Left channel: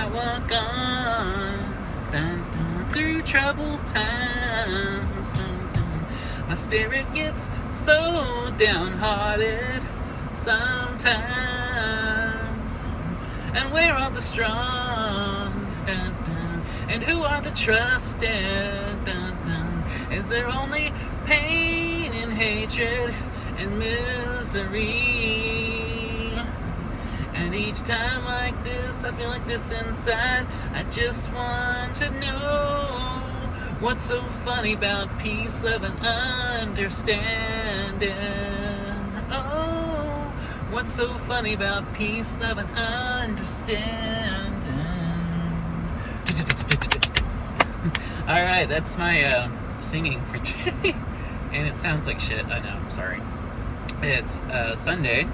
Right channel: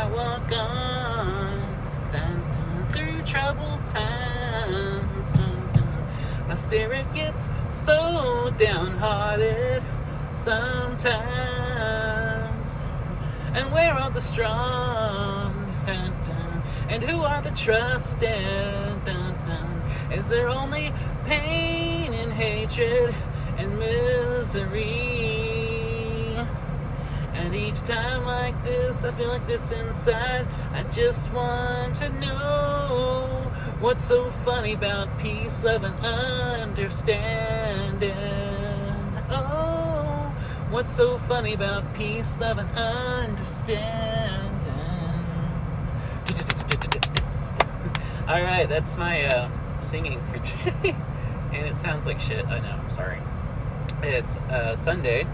I walk on, dun, dun, through troubled times. Dun, dun. My spirit gets so downhearted sometimes. And where are the strong? Dun, dun. And who are the trusted? Dun, dun. Is there only pain and hatred and misery? And each time like this, I feel like this inside. I just want to know what's so funny about peace, love, and understanding. Oh, what's so funny about peace, love, and understanding. Alright, that's my singing for today. And it sounds like shit, I know, sorry. It's Sunday,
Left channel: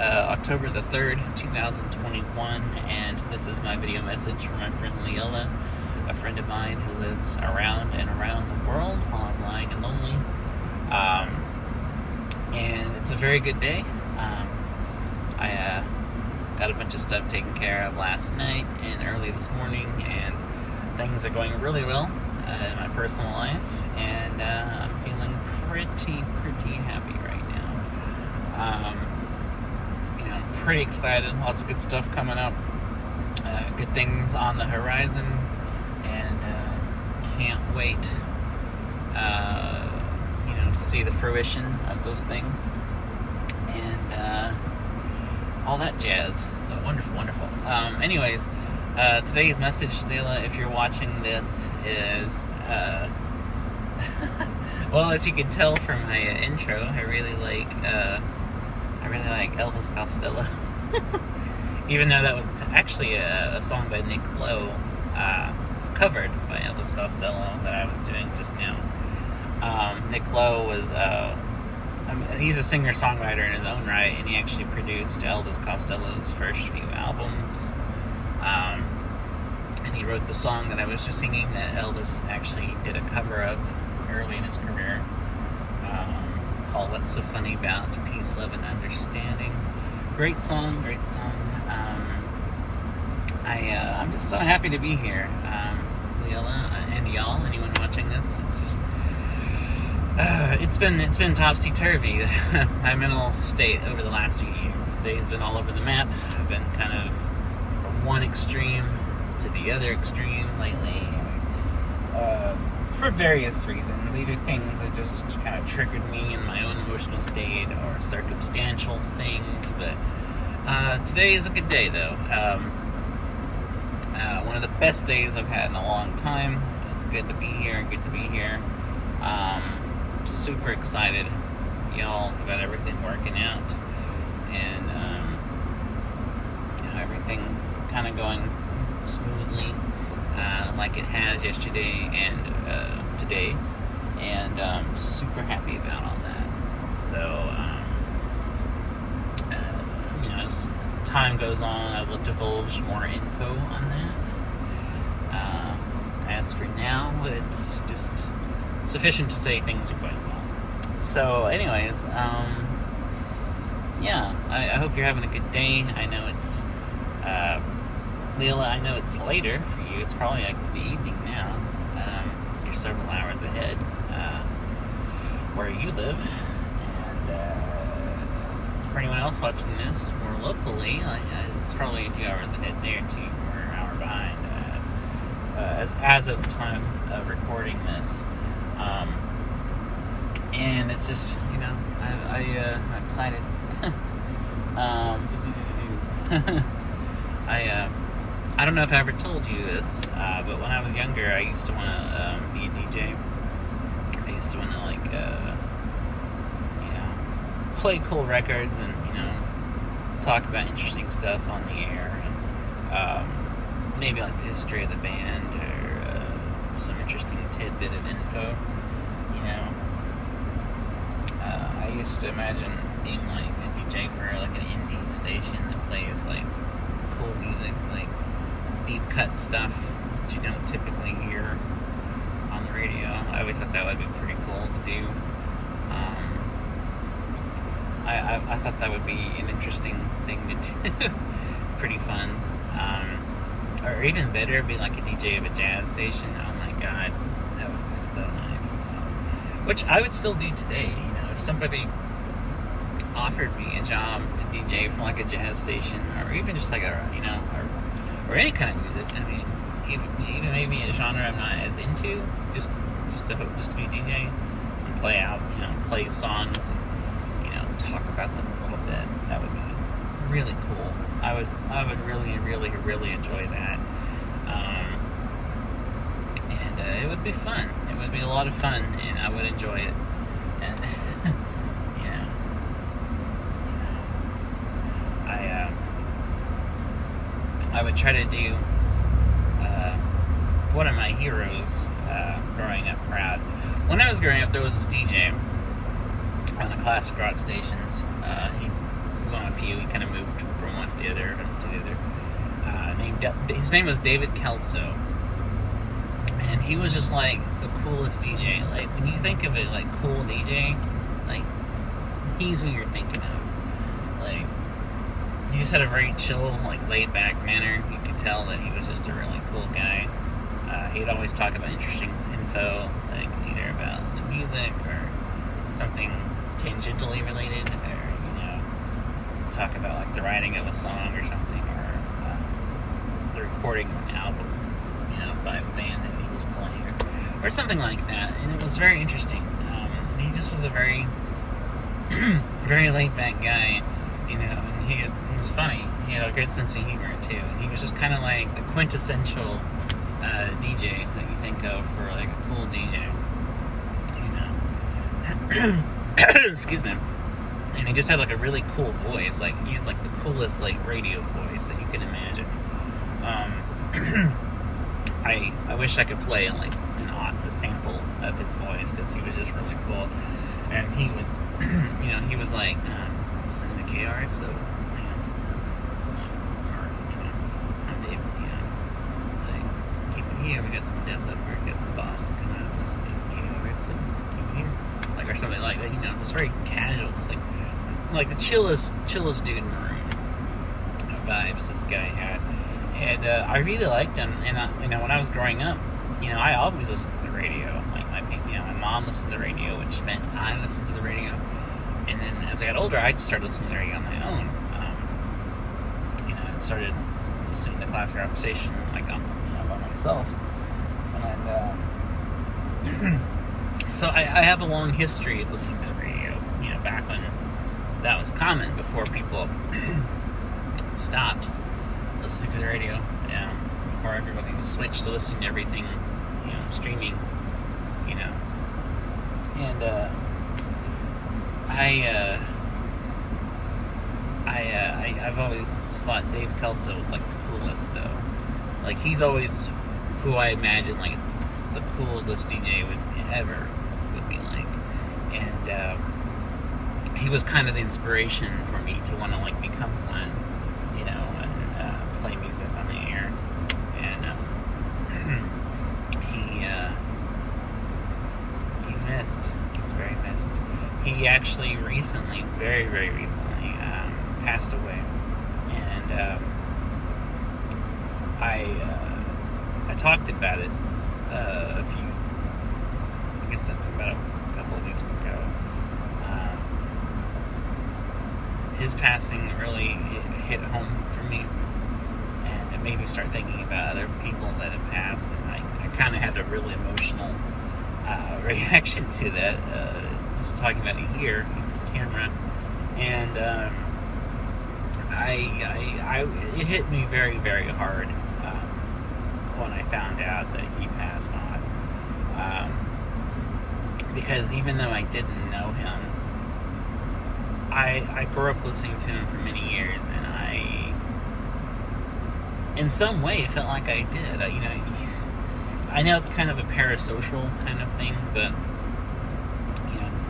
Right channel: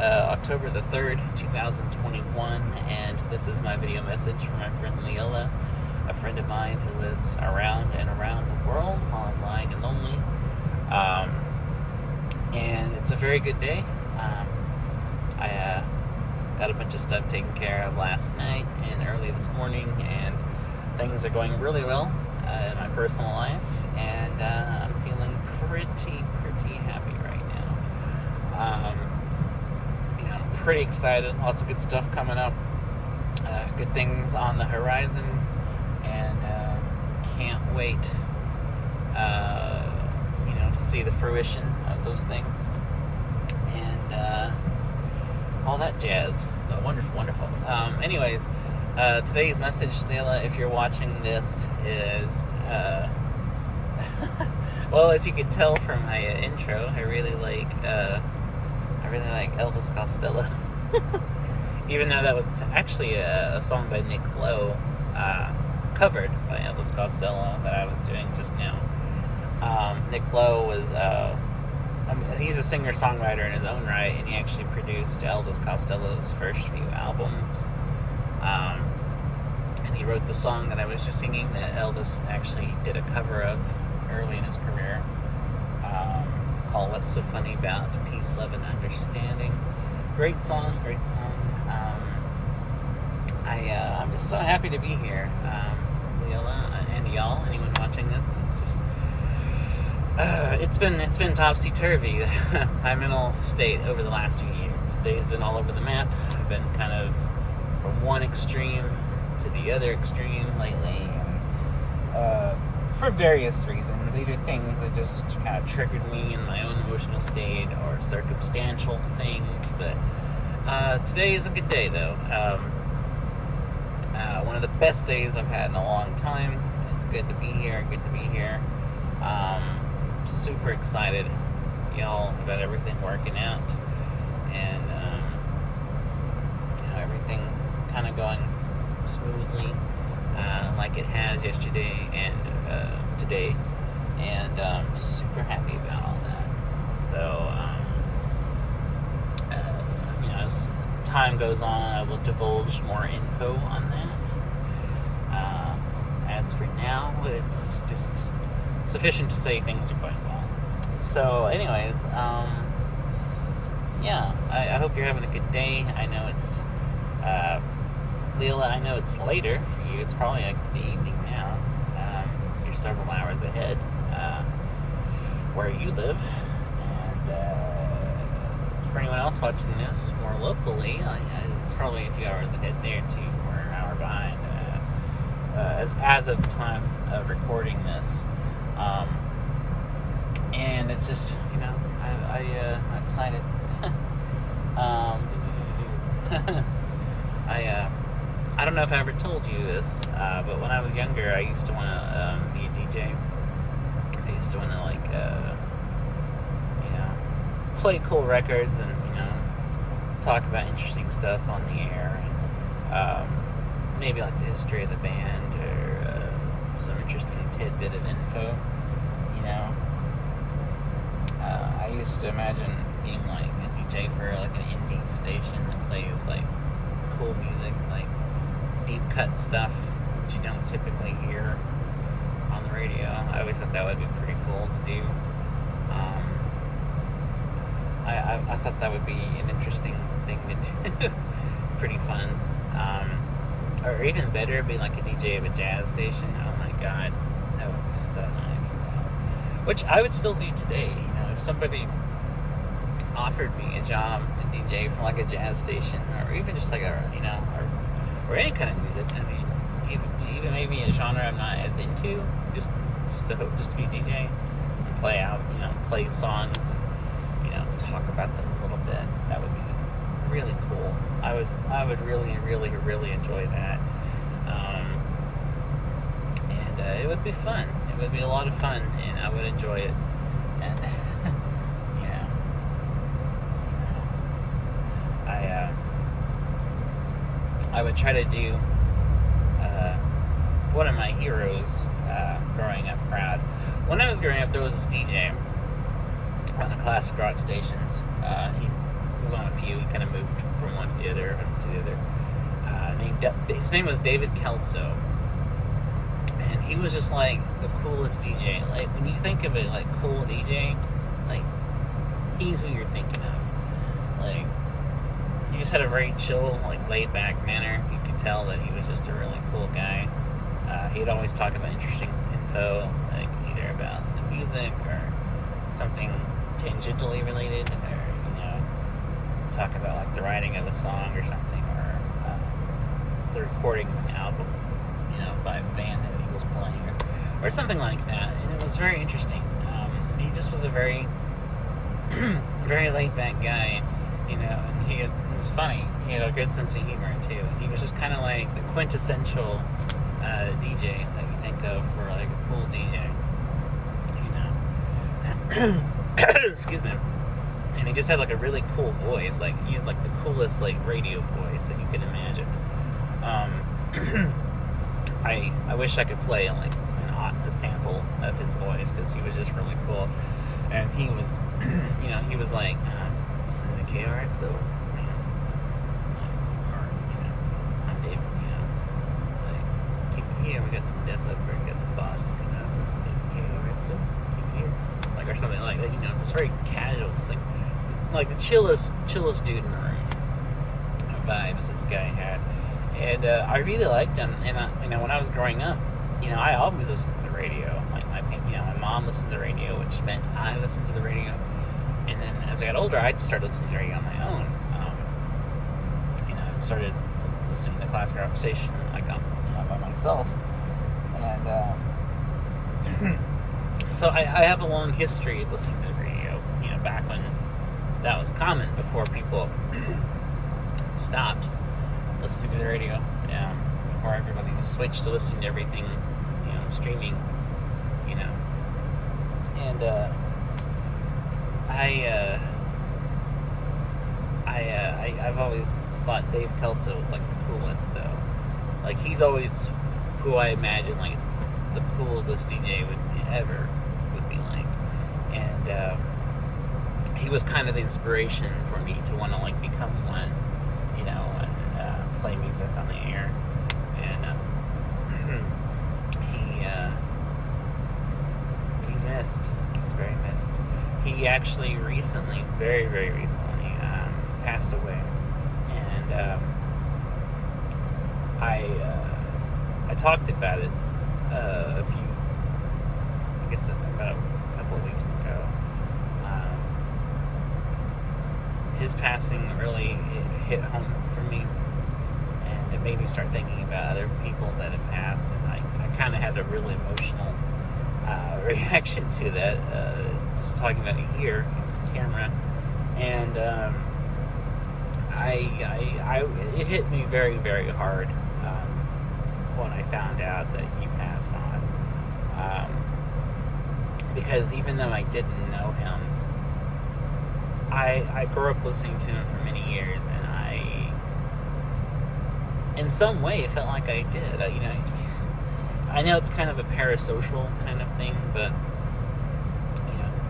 October the 3rd, 2021, and this is my video message from my friend Lilla, a friend of mine who lives around and around the world while I'm lying and lonely. And it's a very good day. I got a bunch of stuff taken care of last night and early this morning, and things are going really well in my personal life, and I'm feeling pretty happy right now. I'm pretty excited. Lots of good stuff coming up. Good things on the horizon, and can't wait to see the fruition of those things, and all that jazz. So wonderful. Anyways, today's message, Lilla, if you're watching this, is well, as you can tell from my intro, I really like Elvis Costello. Even though that was actually a song by Nick Lowe, covered by Elvis Costello, that I was doing just now. Nick Lowe was he's a singer-songwriter in his own right, and he actually produced Elvis Costello's first few albums. And he wrote the song that I was just singing that Elvis actually did a cover of early in his career, called What's So Funny About Peace, Love, and Understanding. Great song. I'm just so happy to be here. Lilla and y'all, anyone watching this, it's been topsy-turvy. My mental state over the last few years. These days have been all over the map. I've been kind of from one extreme to the other extreme lately, for various reasons. Either things that just kind of triggered me in my own emotional state, or circumstantial things. But today is a good day, though. One of the best days I've had in a long time. It's good to be here. Super excited, about everything working out, and everything kind of going smoothly, like it has yesterday and today, and super happy about all that. So, as time goes on, I will divulge more info on that. As for now, it's just sufficient to say things are going well. So, anyways, I hope you're having a good day. I know it's, Lilla, I know it's later for you. It's probably like the evening now. You're several hours ahead, where you live. And, for anyone else watching this more locally, it's probably a few hours ahead there too, or an hour behind, as of the time of recording this. And it's just, I'm excited. I don't know if I ever told you this, but when I was younger, I used to want to be a DJ. I used to want to, play cool records and, talk about interesting stuff on the air. And, maybe like the history of the band, or some interesting tidbit of info, I used to imagine being like a DJ for like an indie station that plays like cool music, like deep cut stuff that you don't typically hear on the radio. I always thought that would be pretty cool to do. I thought that would be an interesting thing to do. Pretty fun. or even better, be like a DJ of a jazz station. Oh my god, that would be so nice. Which I would still do today. If somebody offered me a job to DJ for like a jazz station, or even just like or any kind of music. I mean, even maybe a genre I'm not as into, just to be a DJ and play out, play songs, and, talk about them a little bit. That would be really cool. I would really, really, really enjoy that. And it would be fun. It would be a lot of fun, and I would enjoy it. And I would try to do one of my heroes growing up crowd. When I was growing up, there was this DJ on the classic rock stations. He was on a few. He kind of moved from one to the other. His name was David Kelso, and he was just like the coolest DJ. Like when you think of it, like cool DJ, like he's who you're thinking of. Like he just had a very chill, like laid back manner. You could tell that he was just a really cool guy. He'd always talk about interesting info, like either about the music or something tangentially related, or talk about like the writing of a song or something, or the recording of an album, by a band that he was playing, or something like that. And it was very interesting. He just was a very, very laid back guy, and it was funny. He had a good sense of humor too. He was just kind of like the quintessential DJ that you think of for like a cool DJ, Excuse me. And he just had like a really cool voice. Like he has like the coolest like radio voice that you can imagine. I wish I could play like a sample of his voice, because he was just really cool. And he was, he was like, listen to KRXO. We got some Def Leppard, we got some Boston, listen to KRXO, or something like that. Just very casual. It's like the chillest dude in the room. Vibes this guy had, and I really liked him. And when I was growing up, I always listened to the radio. My mom listened to the radio, which meant I listened to the radio. And then as I got older, I started listening to the radio on my own. I started listening to classic rock station by myself. And so I have a long history of listening to the radio. Back when that was common, before people stopped listening to the radio. Before everybody switched to listening to everything, streaming. And I've always thought Dave Kelso was like the coolest, though. Like he's always who I imagine like the coolest DJ would be like, and he was kind of the inspiration for me to want to like become one, and play music on the air. And he's missed. He's very missed. He actually recently, very, very recently, passed away, and I talked about it about a couple of weeks ago. His passing really hit home for me, and it made me start thinking about other people that have passed, and I kind of had a really emotional reaction to that, just talking about it here on camera, and it hit me very, very hard when I found out that he passed on. Because even though I didn't know him, I grew up listening to him for many years, and in some way, it felt like I did. I know it's kind of a parasocial kind of thing, but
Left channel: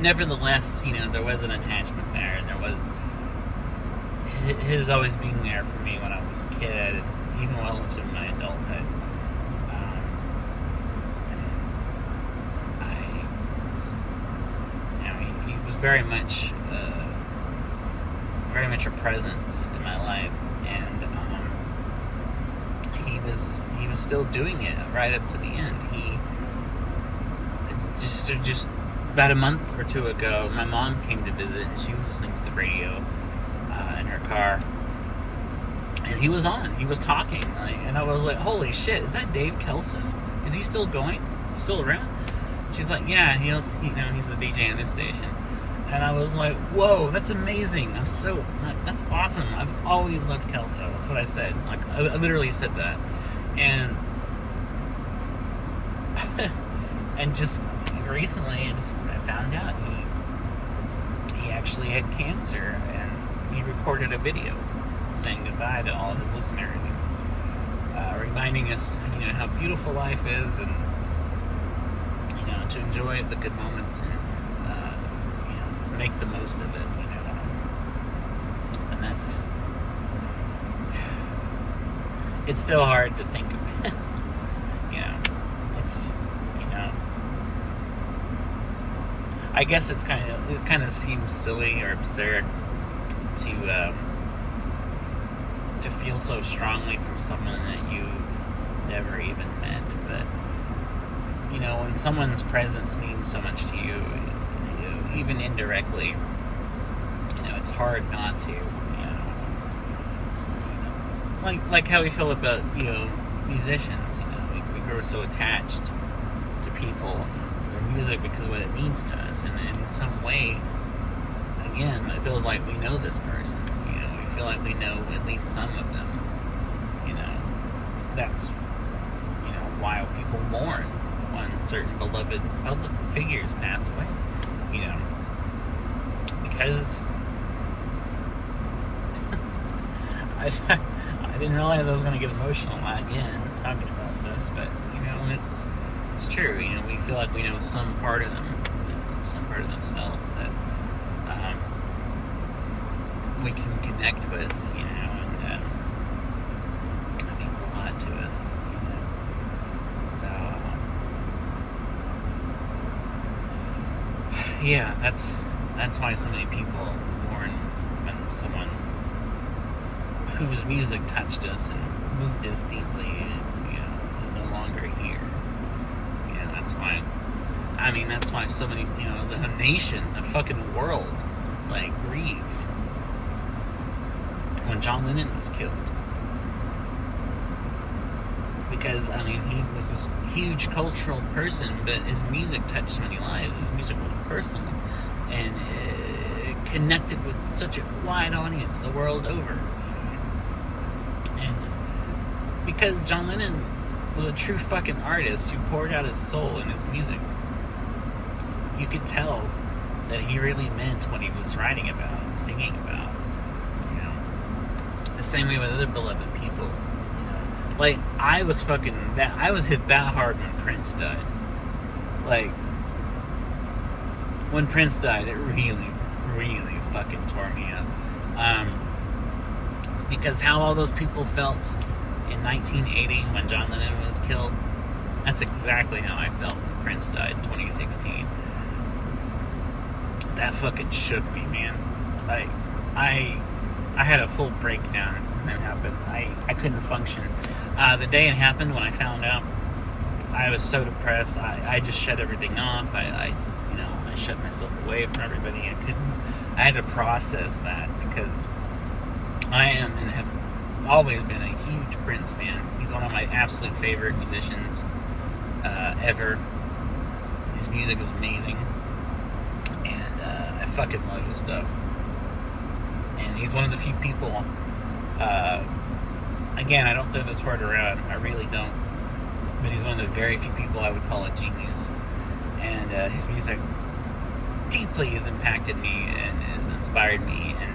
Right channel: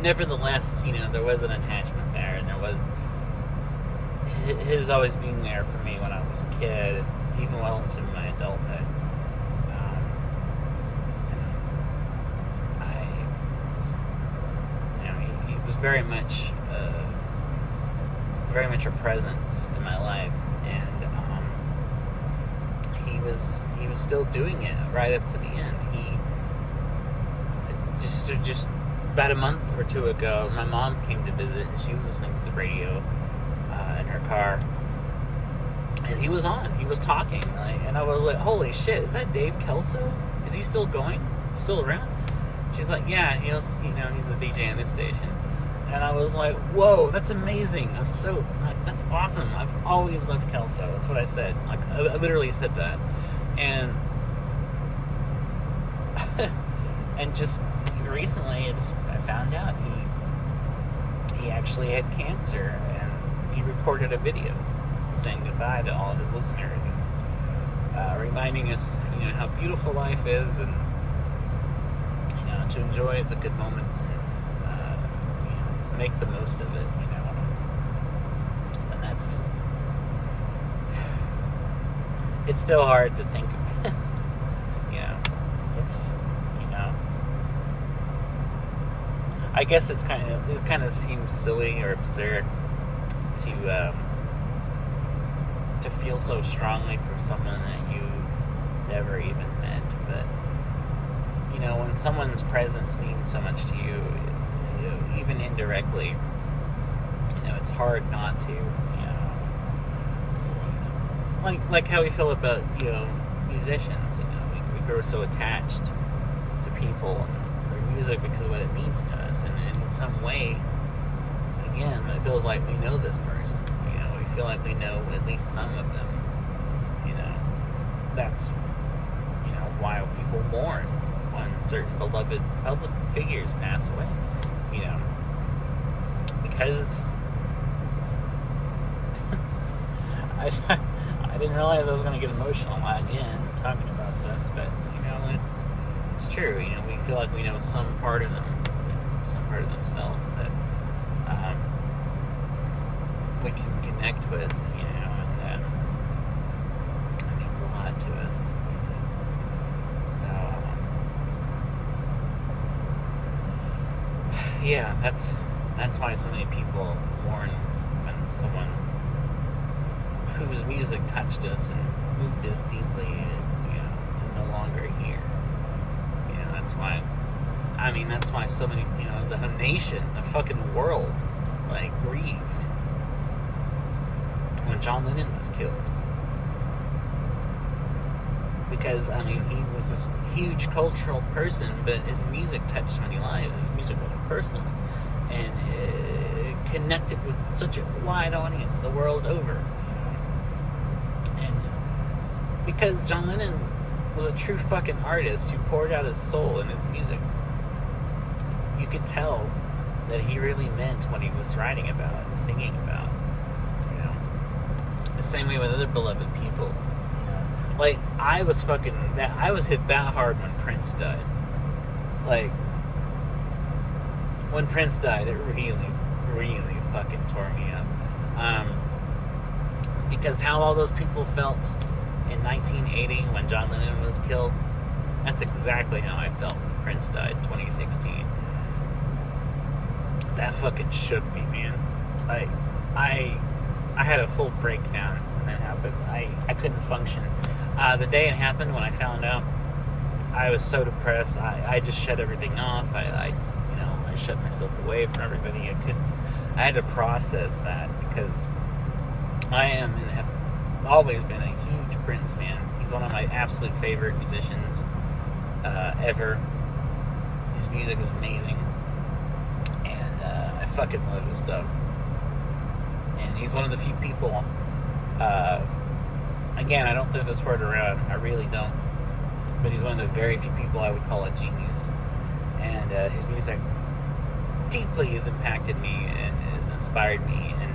nevertheless, there was an attachment there, and there was his always being there for me when I was a kid, even well into my adulthood. He was very much a presence in my life, and he was still doing it right up to the end. He just about a month or two ago, my mom came to visit, and she was listening to the radio in her car, and he was on. He was talking, and I was like, "Holy shit! Is that Dave Kelso? Is he still going? Still around?" She's like, "Yeah, he's the DJ on this station." And I was like, "Whoa, that's amazing! That's awesome! I've always loved Kelso." That's what I said. Like, I literally said that, and and just recently, I found out he actually had cancer, and he recorded a video saying goodbye to all of his listeners, and, reminding us, how beautiful life is, and to enjoy the good moments and make the most of it, and it's still hard to think. It's I guess it kind of seems silly or absurd to feel so strongly for someone that you've never even met, but when someone's presence means so much to you, even indirectly, it's hard not to, like how we feel about musicians. We grow so attached to people and their music because of what it means to us, and in some way, again, it feels like we know this person. We feel like we know at least some of them. That's why people mourn when certain beloved public figures pass away. Because I didn't realize I was going to get emotional again talking about this, but it's true. We feel like we know some part of them, some part of themselves that we can connect with, and it means a lot to us. So, yeah, that's why so many people mourn when someone whose music touched us and moved us deeply, is no longer here. That's why so many, the nation, the fucking world, grieved when John Lennon was killed. Because, he was this huge cultural person, but his music touched so many lives. His music was personal, and connected with such a wide audience the world over. And because John Lennon was a true fucking artist who poured out his soul in his music, you could tell that he really meant what he was writing about and singing about. The same way with other beloved people. I was hit that hard when Prince died. When Prince died, it really, really fucking tore me up. Because how all those people felt in 1980 when John Lennon was killed, that's exactly how I felt when Prince died in 2016. That fucking shook me, man. I had a full breakdown when that happened. I couldn't function. The day it happened, when I found out, I was so depressed. I just shut everything off. I shut myself away from everybody. I had to process that, because I am and have always been a huge Prince fan. He's one of my absolute favorite musicians ever. His music is amazing, and I fucking love his stuff. And he's one of the few people, again, I don't throw this word around, I really don't, but he's one of the very few people I would call a genius. And his music deeply has impacted me and has inspired me, and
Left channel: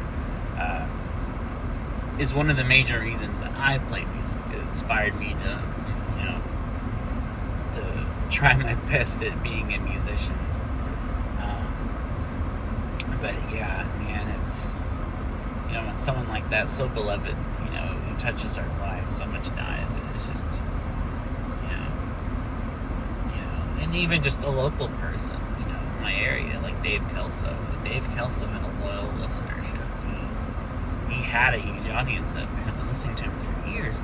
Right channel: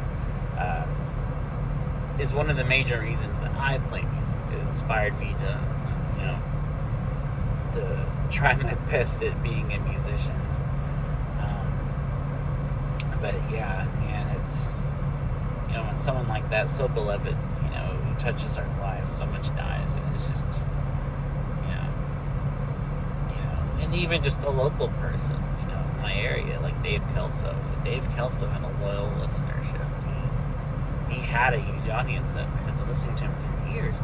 is one of the major reasons that I play music. It inspired me to try my best at being a musician. But yeah, man, it's, when someone like that, so beloved, who touches our lives, so much dies, and it's just, and even just a local person, in my area, like Dave Kelso. Dave Kelso had a loyal listenership. He had a huge audience that had been listening to him for years.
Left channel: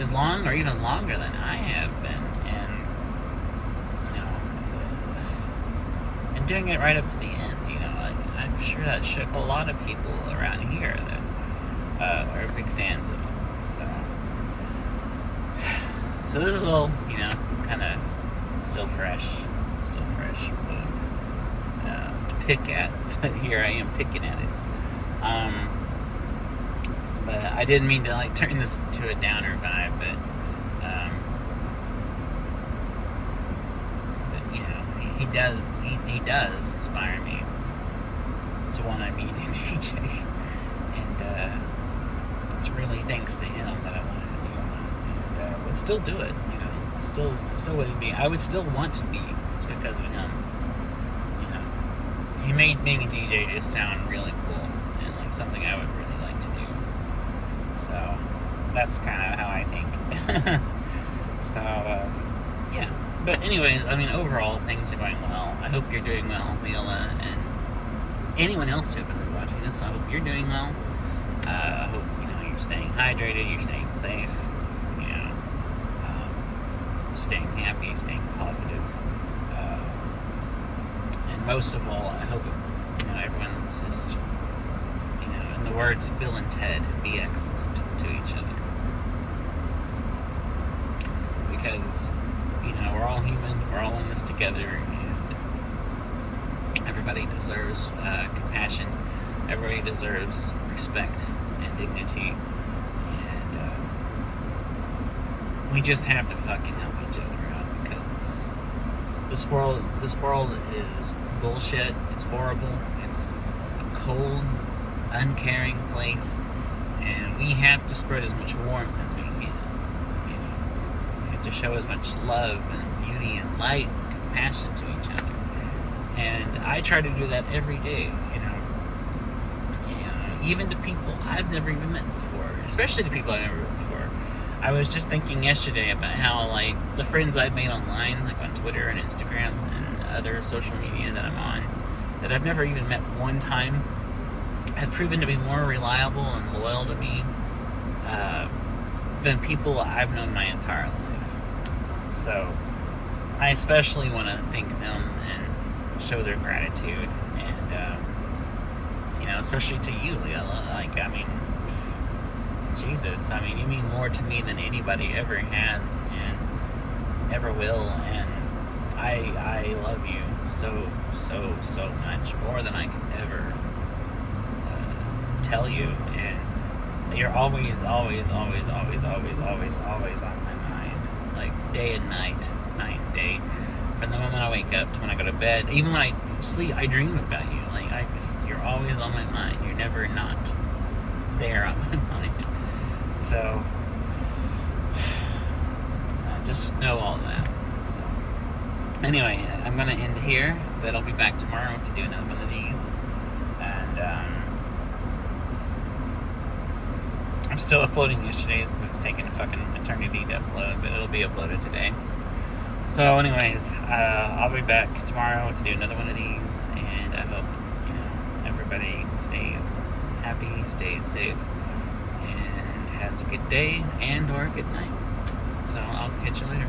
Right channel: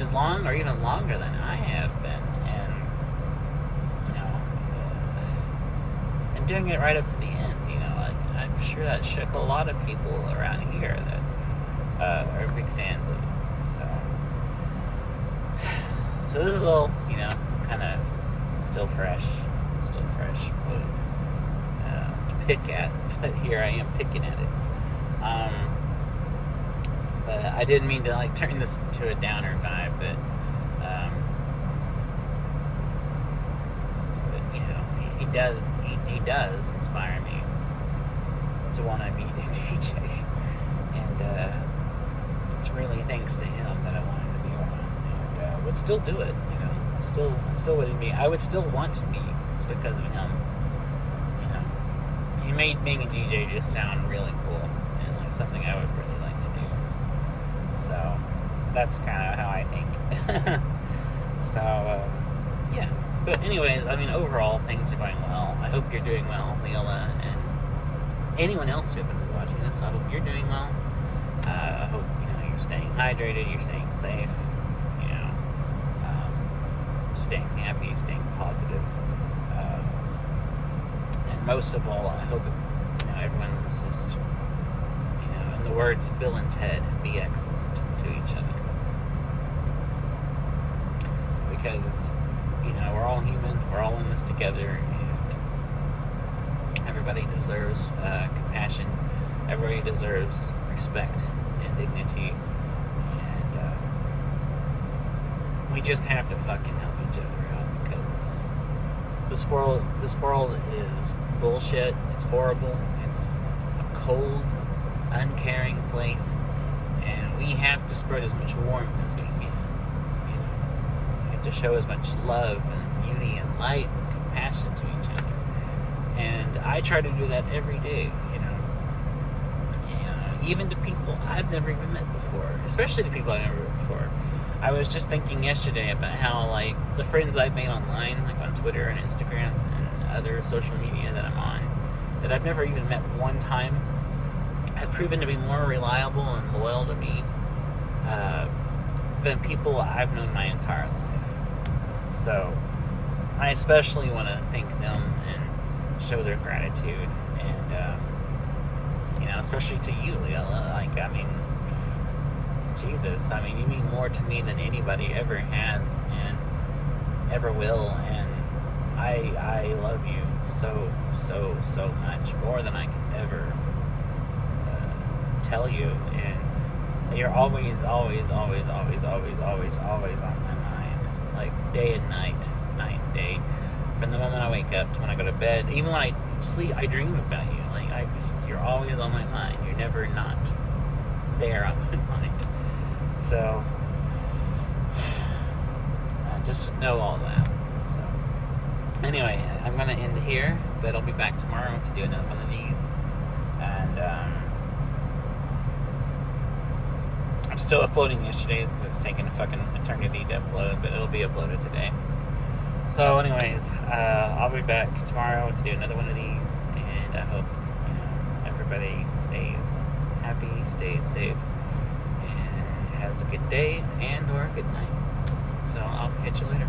As long or even longer than I have been, and and doing it right up to the end. I'm sure that shook a lot of people around here that are big fans of him. So this is all, kind of still fresh, but to pick at. But here I am picking at it. But I didn't mean to turn this to a downer vibe, but he does inspire me to want to meet a DJ, and it's really thanks to him that I wanted to do it, and would still do it. Still wouldn't be. I would still want to be. It's because of him. He made being a DJ just sound really cool and like something I would really like to do. So that's kind of how I think. So yeah. But anyways, overall things are going well. I hope you're doing well, Lilla, and anyone else who's been watching this. I hope you're doing well. I hope you're staying hydrated, you're staying safe, staying happy, staying positive, and most of all, I hope everyone's just, in the words of Bill and Ted, be excellent to each other, because we're all human, we're all in this together, and everybody deserves compassion, everybody deserves respect and dignity, and we just have to fucking help each other out, because this world is bullshit. It's horrible. It's a cold, uncaring place, and we have to spread as much warmth as we can. We have to show as much love and beauty and light and compassion to each other. And I try to do that every day. Even to people I've never even met before, especially the people I've never met before. I was just thinking yesterday about how, the friends I've made online, on Twitter and Instagram and other social media that I'm on, that I've never even met one time, have proven to be more reliable and loyal to me than people I've known my entire life. So, I especially want to thank them and show their gratitude, and, especially to you, Lilla. Jesus, you mean more to me than anybody ever has and ever will, and I love you so much, more than I could ever tell you, and you're always on my mind, day and night and day, from the moment I wake up to when I go to bed. Even when I sleep, I dream about you. You're always on my mind. You're never not there on my mind. So, just know all that. So, anyway, I'm going to end here, but I'll be back tomorrow to do another one of these. And, I'm still uploading yesterday's because it's taking a fucking eternity to upload, but it'll be uploaded today. So, anyways, I'll be back tomorrow to do another one of these, and I hope, everybody stays happy, stays safe, and has a good day and or a good night. So I'll catch you later.